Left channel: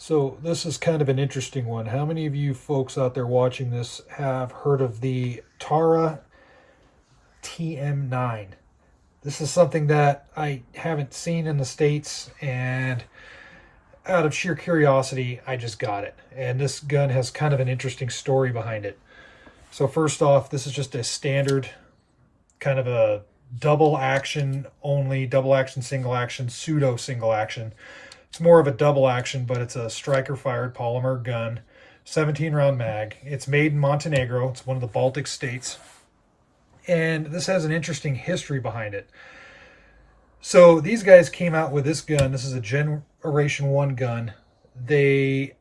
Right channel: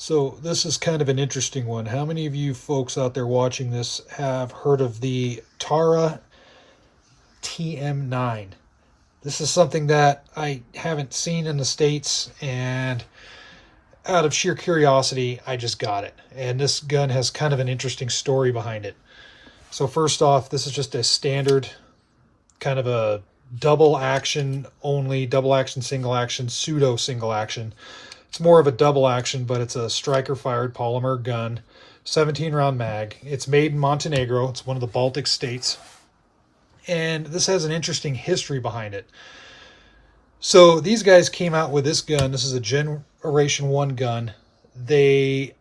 So this is kind of an interesting one. How many of you folks out there watching this have heard of the Tara TM-9? This is something that I haven't seen in the States, and out of sheer curiosity, I just got it. And this gun has kind of an interesting story behind it. So first off, this is just a standard kind of a double action only, double action, single action, pseudo single action. It's more of a double action, but it's a striker fired polymer gun, 17 round mag. It's made in Montenegro. It's one of the Baltic states. And this has an interesting history behind it. So these guys came out with this gun. This is a Generation 1 gun. They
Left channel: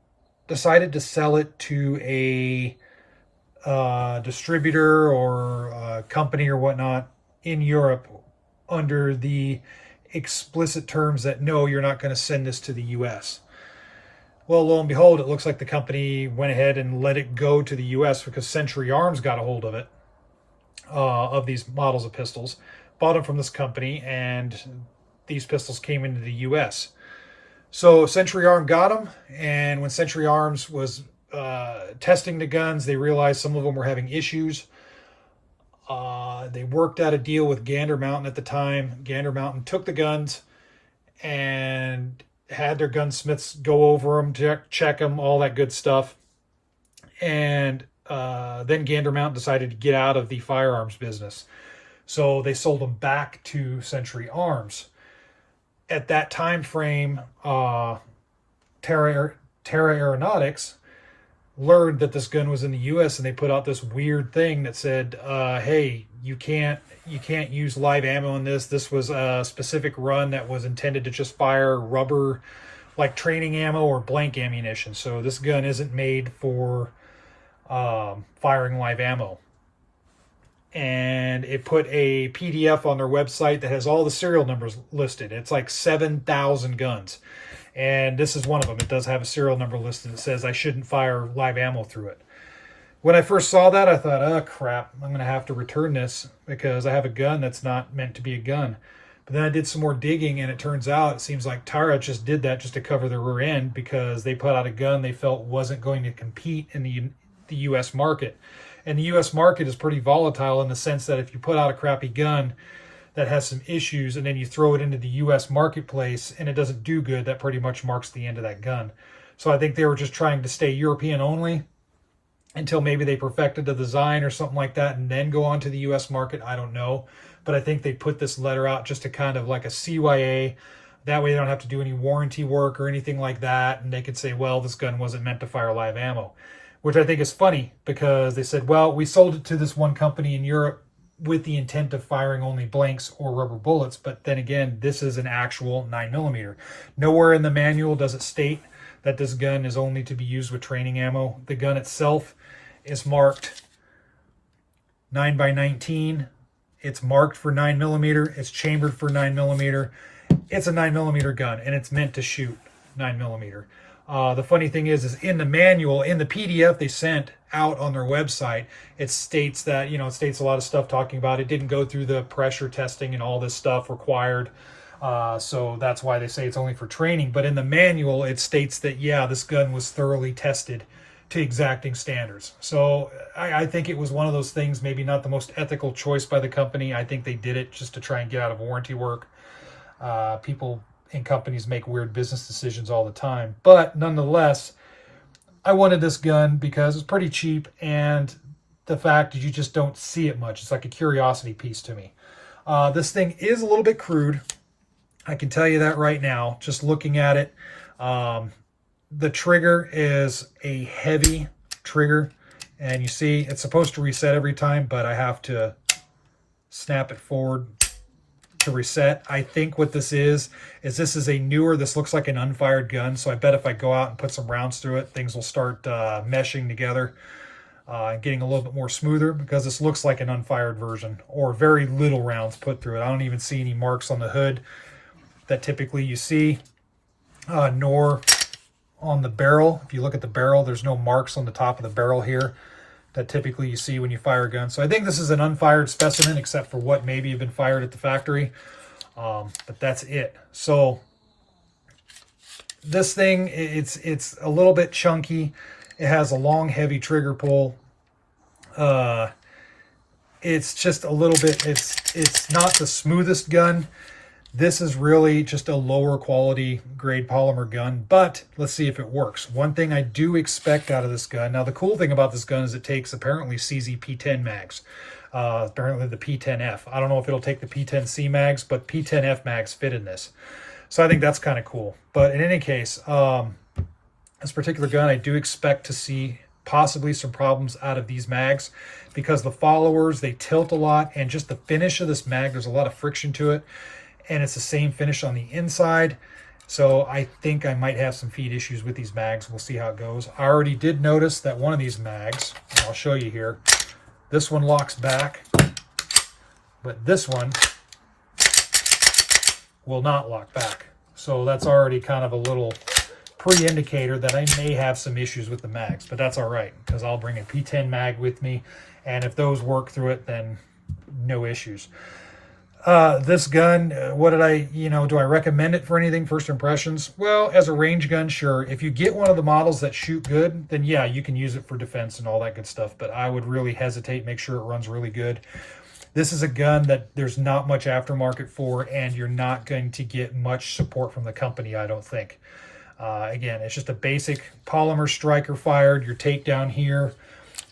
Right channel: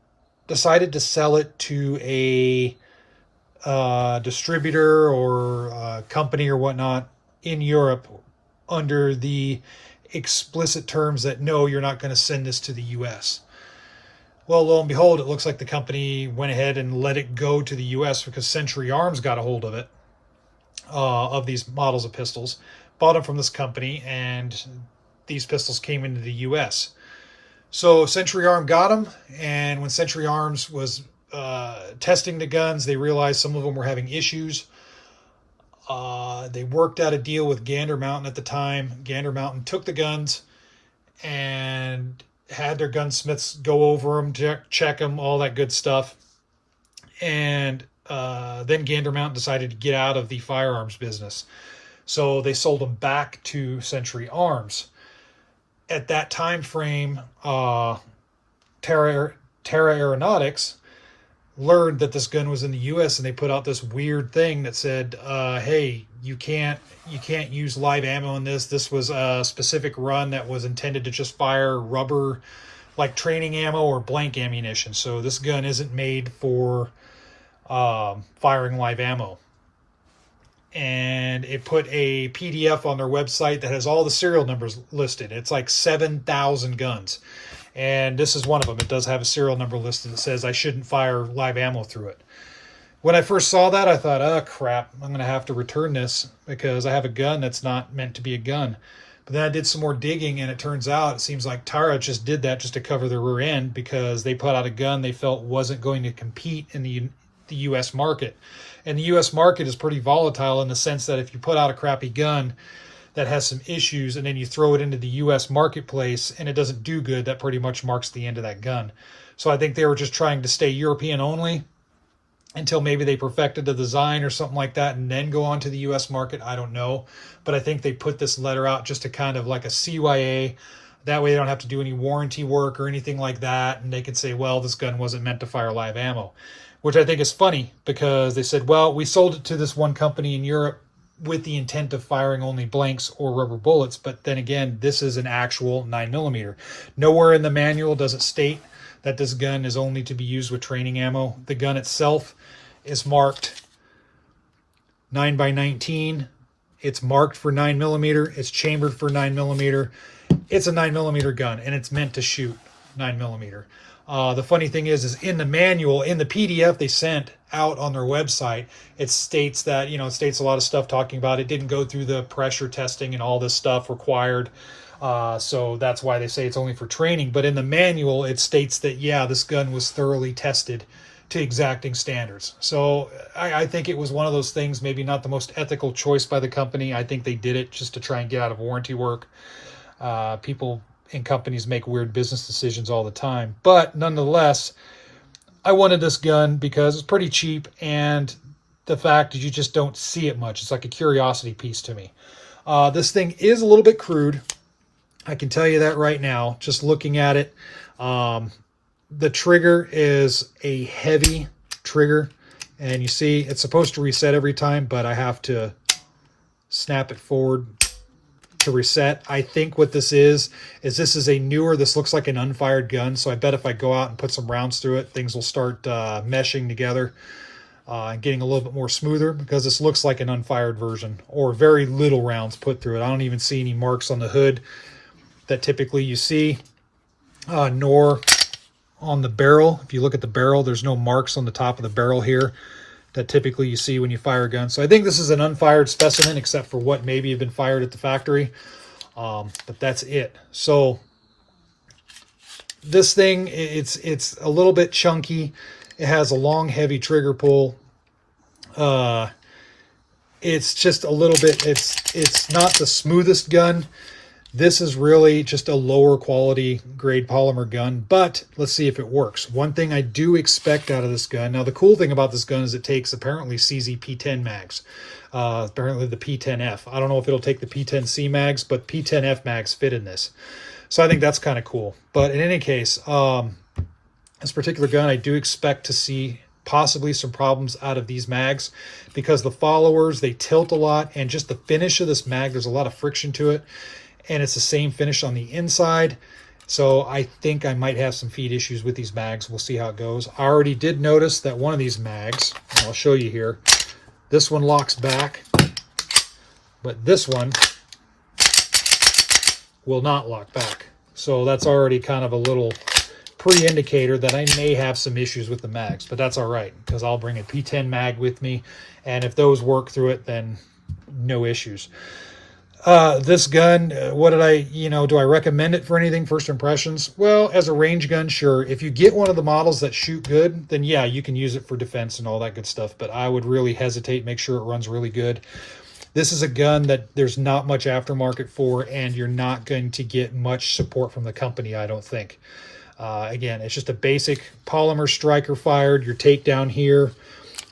decided to sell it to a distributor or a company or whatnot in Europe under the explicit terms that no, you're not going to send this to the US. Well, lo and behold, it looks like the company went ahead and let it go to the US because Century Arms got a hold of it, of these models of pistols, bought them from this company, and these pistols came into the US. So Century Arms got them, and when Century Arms was testing the guns, they realized some of them were having issues. They worked out a deal with Gander Mountain at the time. Gander Mountain took the guns and had their gunsmiths go over them, check them, all that good stuff. And then Gander Mountain decided to get out of the firearms business. So they sold them back to Century Arms. At that time frame, Terra Aeronautics learned that this gun was in the US, and they put out this weird thing that said, hey, you can't use live ammo in this. This was a specific run that was intended to just fire rubber like training ammo or blank ammunition. So this gun isn't made for firing live ammo. And it put a PDF on their website that has all the serial numbers listed. It's like 7,000 guns. And this is one of them. It does have a serial number listed that says I shouldn't fire live ammo through it. When I first saw that, I thought, oh, crap, I'm going to have to return this because I have a gun that's not meant to be a gun. But then I did some more digging, and it turns out it seems like Tara just did that just to cover their rear end because they put out a gun they felt wasn't going to compete in the U.S. market. And the U.S. market is pretty volatile in the sense that if you put out a crappy gun that has some issues and then you throw it into the U.S. marketplace and it doesn't do good, that pretty much marks the end of that gun. So I think they were just trying to stay European only until maybe they perfected the design or something like that and then go on to the U.S. market. I don't know. But I think they put this letter out just to kind of like a CYA. That way they don't have to do any warranty work or anything like that. And they could say, well, this gun wasn't meant to fire live ammo, which I think is funny because they said, well, we sold it to this one company in Europe with the intent of firing only blanks or rubber bullets. But then again, this is an actual 9mm. Nowhere in the manual does it state that this gun is only to be used with training ammo. The gun itself is marked 9x19. It's marked for 9mm. It's chambered for 9mm. It's a 9mm gun, and it's meant to shoot 9mm. The funny thing is in the manual, in the PDF they sent out on their website, it states that, it states a lot of stuff talking about it didn't go through the pressure testing and all this stuff required. So that's why they say it's only for training. But in the manual, it states that, yeah, this gun was thoroughly tested to exacting standards. So I think it was one of those things, maybe not the most ethical choice by the company. I think they did it just to try and get out of warranty work. People in companies make weird business decisions all the time. But nonetheless, I wanted this gun because it's pretty cheap, and the fact that you just don't see it much. It's like a curiosity piece to me. This thing is a little bit crude. I can tell you that right now, just looking at it. The trigger is a heavy trigger, and you see it's supposed to reset every time, but I have to snap it forward to reset. I think what this is this is a newer, this looks like an unfired gun, so I bet if I go out and put some rounds through it, things will start meshing together and getting a little bit more smoother, because this looks like an unfired version, or very little rounds put through it. I don't even see any marks on the hood that typically you see, nor on the barrel. If you look at the barrel, there's no marks on the top of the barrel here that typically you see when you fire a gun. So I think this is an unfired specimen, except for what maybe have been fired at the factory. But that's it. So this thing, it's a little bit chunky. It has a long, heavy trigger pull. It's just a little bit, it's not the smoothest gun. This is really just a lower quality grade polymer gun, but let's see if it works. One thing I do expect out of this gun, now the cool thing about this gun is it takes apparently CZ P10 mags, apparently the P10F. I don't know if it'll take the P10C mags, but P10F mags fit in this. So I think that's kind of cool. But in any case, this particular gun, I do expect to see possibly some problems out of these mags because the followers, they tilt a lot, and just the finish of this mag, there's a lot of friction to it. And it's the same finish on the inside. So I think I might have some feed issues with these mags. We'll see how it goes. I already did notice that one of these mags, and I'll show you here, this one locks back, but this one will not lock back. So that's already kind of a little pre-indicator that I may have some issues with the mags, but that's all right because I'll bring a P10 mag with me, and if those work through it, then no issues. This gun, what did I, do I recommend it for anything? First impressions? Well, as a range gun, sure. If you get one of the models that shoot good, then yeah, you can use it for defense and all that good stuff. But I would really hesitate, make sure it runs really good. This is a gun that there's not much aftermarket for, and you're not going to get much support from the company, I don't think. Again, it's just a basic polymer striker fired, your takedown here.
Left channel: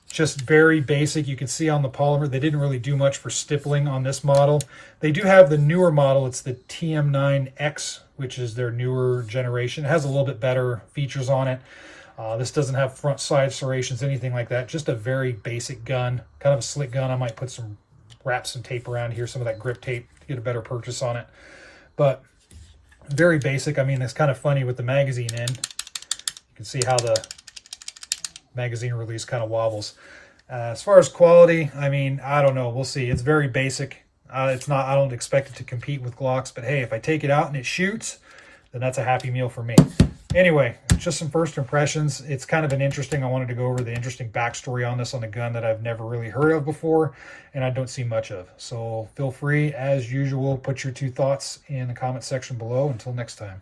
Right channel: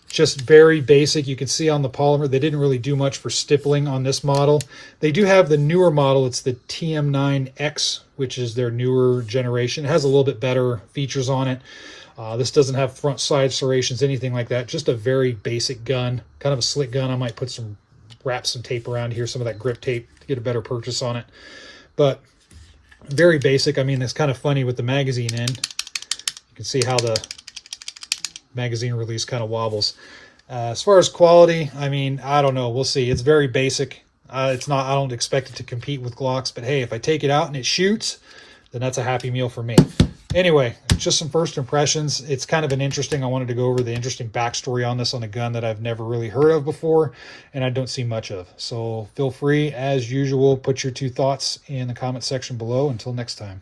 Just very basic. You can see on the polymer, they didn't really do much for stippling on this model. They do have the newer model. It's the TM-9X, which is their newer generation. It has a little bit better features on it. This doesn't have front side serrations, anything like that. Just a very basic gun, kind of a slick gun. I might wrap some tape around here, some of that grip tape to get a better purchase on it. But very basic. I mean, it's kind of funny with the magazine end. You can see how the magazine release kind of wobbles. As far as quality, I mean, I don't know. We'll see. It's very basic. It's not. I don't expect it to compete with Glocks, but hey, if I take it out and it shoots, then that's a happy meal for me. Anyway, just some first impressions. It's kind of an interesting. I wanted to go over the interesting backstory on this on a gun that I've never really heard of before, and I don't see much of. So feel free, as usual, put your 2 thoughts in the comment section below. Until next time.